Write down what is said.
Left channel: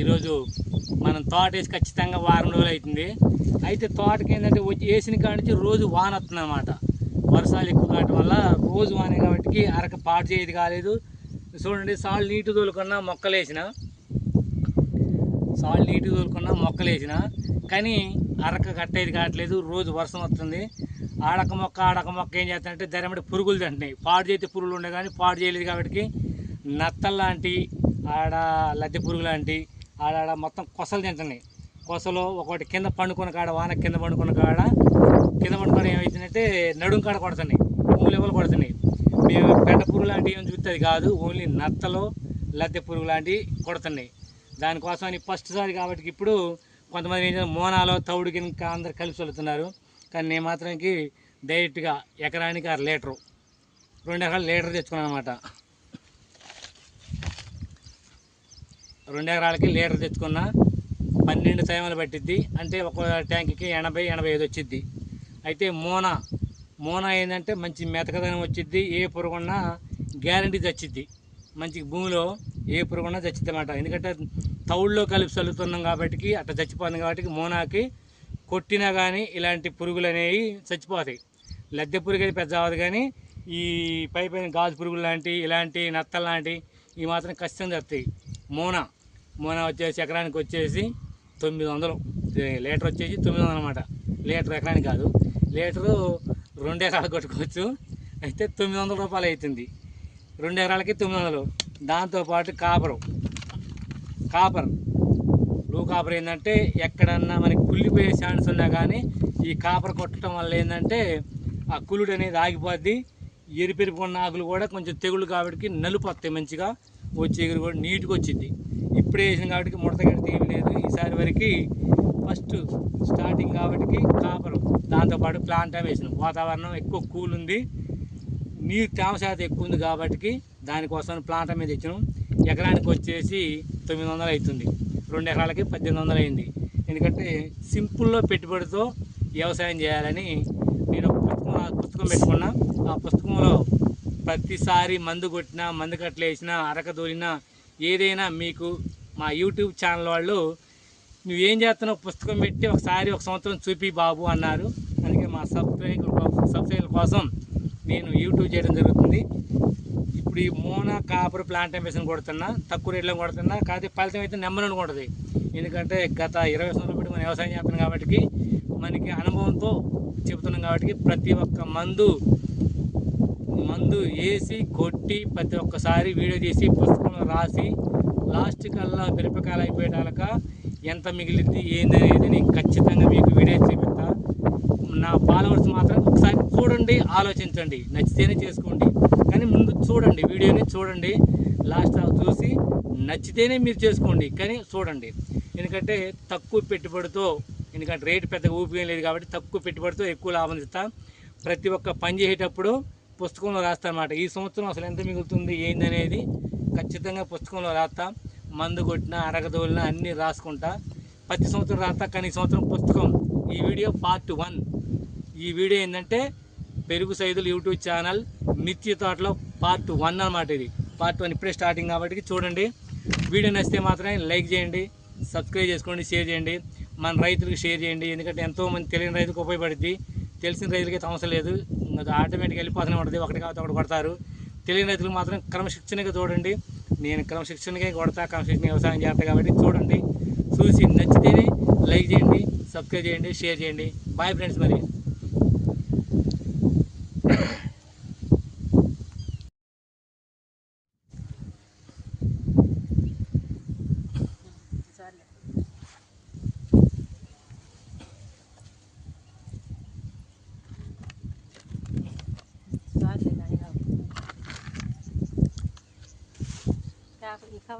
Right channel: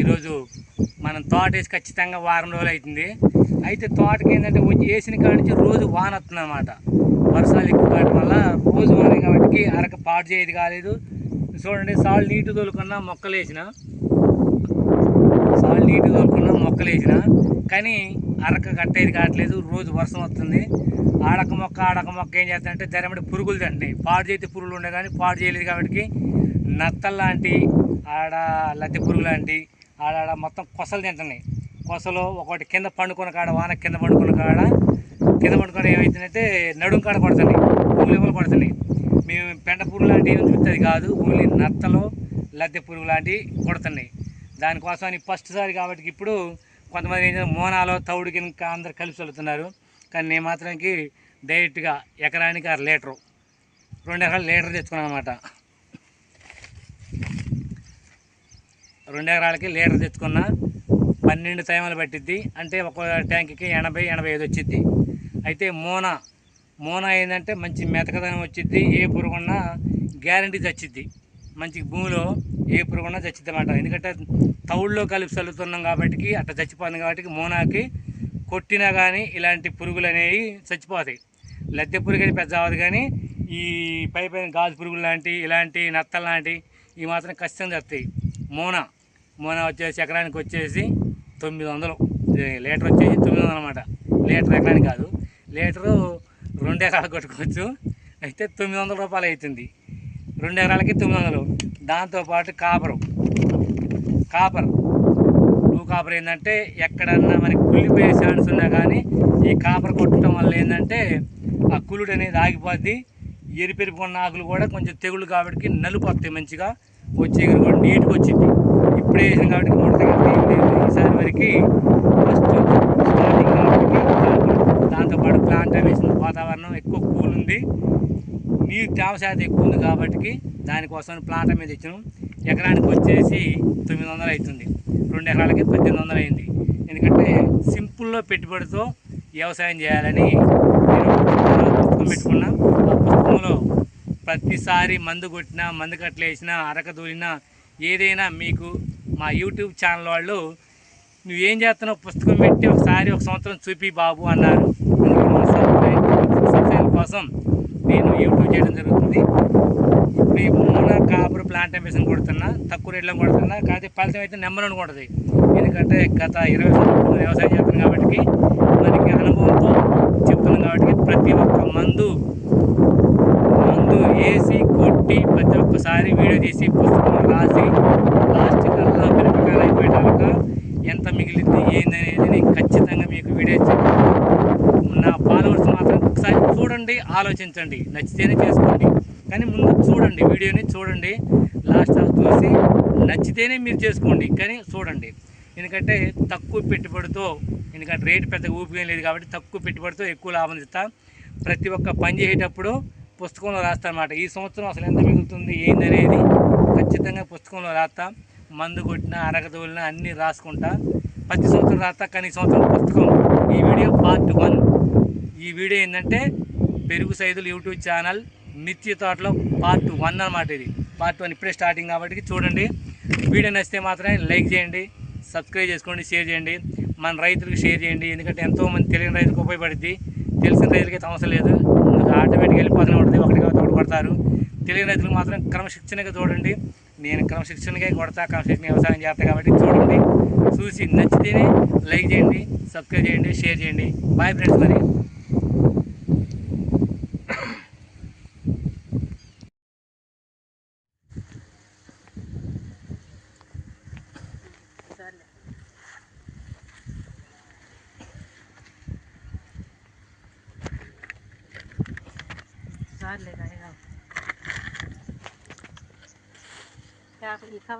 ఈరోజు మనం తోట వేసి ఖచ్చితంగా వారం రోజులు అవుతుంది. అయితే తోటకి ఏంటంటే వచ్చి వేసిన కాడ నుంచి రోజు వాన వస్తుందన్నమాట. వర్షాలు ఎక్కువ కావడం వల్ల రోజు వాన కాబట్టి అరక పాడు చేయదు కాలేదు. చూడండి సాల్ నీటి తోలుకున్నా మొక్కలు వేసిన. సాల్ నీటి తోలుకున్నా మొక్కలు వేసిన. కానీ అరక కట్టేది కావట్లేదు రోజు వర్షం వస్తుంది. ఆడక మొక్క ఆడక మొక్క ఏం చేస్తానంటే ధరమడి పురుగులు తింటున్నాయి. పాడు చేతి పురుగులు ఉండే కానీ పాడు చేయలేదు కాబట్టి నత్తలు లాంటి ఆడ లద్దె పురుగు లాంటి ఆడ మొత్తం కొసలు తింటున్నాయి కొసలు ఒకటి కింద పండుకున్న కాడ వాన కింద పండుకున్న కాడ కింద పండుకొని ఏమవుతుందంటే నడుం కాడ పడుతున్నాయి పువ్వులు ఎవరు మేము పెండ పురుగు లాంటివి ఏమి చూస్తే అది కాదు ఓన్లీ నత్తలు లద్దె పురుగు లాంటివి కొడుతున్నాయి. దానికోసం అని ఫస్ట్ సారి కాబట్టి ఇప్పుడు కొంతమంది ఏం మోనాలో తౌడు కింద అందరు కలిసి వెళ్తున్నారు. కానీ నేను మాత్రానికి డైరెక్ట్గా ఎకరానికి ఆరు లీటరు రెండు ఎకరాలు లీటర్ తెచ్చుకున్నాను అనమాట రెండు ఎకరాలకి లీటర్ తెచ్చుకున్న పన్నెండు టైములు పట్టిద్ది. అంటే ఒక ట్యాంక్కి ఎనభై ఎనభై ఐదు వచ్చిద్ది. అయితే మూన మూన ఏంటంటే మంచి మెతకదనం వచ్చిద్ది. ఏ పురుగున్నా గ్యారంటీ చచ్చిద్ది. మంచి భూమిలో ఏ పురుగున్నా చచ్చిద్ది అన్నమాట ఎందుకంటే తౌళ్ళలో కలిపి చల్లుతున్నాం కాబట్టి అట్లా చచ్చిపోతుంది కాబట్టి మోనాకి కొట్టినా కానీ ఇలాంటి పురుగులు అనేవి చచ్చిపోతాయి. లద్దె పురుగు అయితే పెద్ద అవ్వదు కానీ ఈ పై పైన గాజు పురుగులు లాంటి ఇలాంటి నత్తలు లాంటి ఈ మాత్రం ఖచ్చితంగా వస్తాయి మోన. మోన వచ్చేసి ఎకరానికి వచ్చేసి తొమ్మిది వందలు లీటర్ వచ్చేసి తొమ్మిది వందలు అనమాట లీటర్ ఎకరానికి కాదు. లీటరు రెండు ఎకరాలు కొట్టుకోవచ్చు. అయితే తొమ్మిది వందల రూపాయలు అవుతుంది రెండు ఎకరాలకి తొమ్మిది వందలు దాంతోపాటు కాపరు. కాపర్. బ్లూ కాపర్ ఏంటంటే ఎక్కడన్నా మనకి కుళ్ళిపోయే ఛాన్స్ ఉన్నా కానీ ఈ కాపర్ కొట్టడం వల్ల ఏంటంటే ఆ కుళ్ళుడు అనేది ఆగిపోద్ది. ఎరిపెరిపోన్న ఆకులు కూడా కొంచెం తెగుళ్ళు కాబట్టి నలుపు వస్తాయి మంచిగా. వచ్చే ఎగురు కూడా నీట్గా వచ్చింది. ఇప్పుడే వేసాం కాబట్టి ముడత ఏం లేదు. ఈసారి వరకు ఫస్ట్ స్టార్టింగ్ కాబట్టి కాపులు దాంతోపాటు ప్లాంట్ వేసిన వాతావరణం ఎక్కువ కూల్ ఉంది. నీరు తేమ శాతం ఎక్కువ ఉంది కాబట్టి దానికోసం ప్లాంట్ మీద ఇచ్చినాం ఎకరానికి వచ్చేసి తొమ్మిది వందలు అవుతుంది. రెండు ఎకరాలకి పద్దెనిమిది వందలు అయింది. ఎందుకంటే సింపుల్లో పెట్టుబడితో వ్యవసాయం చేయాలని నేను పుస్తకం పెట్టుకున్నా. ఆ పుస్తకంలో ప్రతిసారి మందు కొట్టినా మందు కట్టలు వేసినా అరక దూలినా ఏదైనా మీకు మా యూట్యూబ్ ఛానల్ వాళ్ళు నువ్వేం చేస్తున్నావు? పుస్తకం పెట్టి ఒకసారి ఒక సంవత్సరం చూపి బాబు అన్నారు. అందుకే మా సబ్స్క్రైబ్ సబ్స్క్రైబ్ కోసం నేను యూట్యూబ్ చేయడం జరుగుతుంది. ఇప్పుడు ఈ మూన కాపర్ ప్లాంట్ మిషన్ కొడుతున్నా తక్కువ రేట్లో కొడుతున్నా కాకపోతే ఫలితం అయితే నెంబర్ వన్ కొడుతుంది. ఎందుకంటే గత ఇరవై సంవత్సరాలు వ్యవసాయం చేస్తున్నాం కాబట్టి మనకి అనుభవంతో చెప్తున్నాం కాబట్టి ప్రతి ఒక్క మందు వేసి కొట్టి ప్రతి ఒక్కసారి వీడియో తీసి పుస్తకంలో రాసి లాస్ట్ కల్లా మిరపకాయలు అయిపోయేటాక ఎంత మిగిలింది ఏంది అనేది నేను ఖచ్చితంగా మీకు వీడియో చెప్తాను నా ఫాలోవర్స్ మాత్రం ఒకసారి చూడండి ఆలోచించండి నచ్చితేనే చేసుకోండి. కానీ ముందు చూడండి వీడియోని చూడండి లాస్ట్ చూసి నచ్చితేనే మీరు చేసుకోండి కానీ చూడండి. ఎందుకంటే తక్కువ పెట్టుబడితో ఎందుకంటే రేటు పెద్దగా ఊపిక లేదు కాబట్టి తక్కువ పెట్టుబడితో ఎక్కువ లాభం ఇస్తా ప్రతి ఒక్క పని చేసేటప్పుడు పుస్తకంలో రాస్తానమాట ఈ సంవత్సరం అసలు ఎంత మిగులుతుంది ఏందనేది ఖచ్చితంగా పుస్తకంలో రాస్తా. మందు కొట్టిన అరగదోలిన అన్నీ రాసుకుంటా. ప్రతి సంవత్సరం రాస్తా కానీ ఈ సంవత్సరం పుస్తకం ఈ వీడియో పార్ట్ వన్. ఈ వీడియో ఏంటంటే పెరుగు సైదులు యూట్యూబ్ ఛానల్ మిర్చి తోటలో పార్ట్ వన్ అనమాట ఇది. పార్ట్ వన్ ఇప్పుడే స్టార్టింగ్ కాబట్టి చూడండి. వీడియో నచ్చితే మాత్రమే లైక్ చేయండి సబ్స్క్రైబ్ చేసుకోండి షేర్ చేయండి. మన రైతులకు షేర్ చేయండి. ఎందుకంటే ఎంతోమంది తెలియని రైతులకు ఉపయోగపడుద్ది. తెలిసిన రైతులకి అయితే అవసరం లేదు. అది ఆటోమేటిక్గా వెళ్ళిపోతూనే ఉంటుంది ఒకటి కాబట్టి ఒకటి కొడతారు. తెలియని రైతులకు మాత్రం క్రమశిక్షణగా చూడండి. నేను క్రమశిక్షణగా కొడతా క్రమశిక్షణ వ్యవసాయం చేస్తా కాబట్టి చూడండి. చూసి నచ్చితేనే లైక్ చేయండి సబ్స్క్రైబ్ చేయండి షేర్ చేయండి. బాయ్ ఫ్రెండ్స్ మరి. บ้านเลยนะให้เรายาไปอีกครับ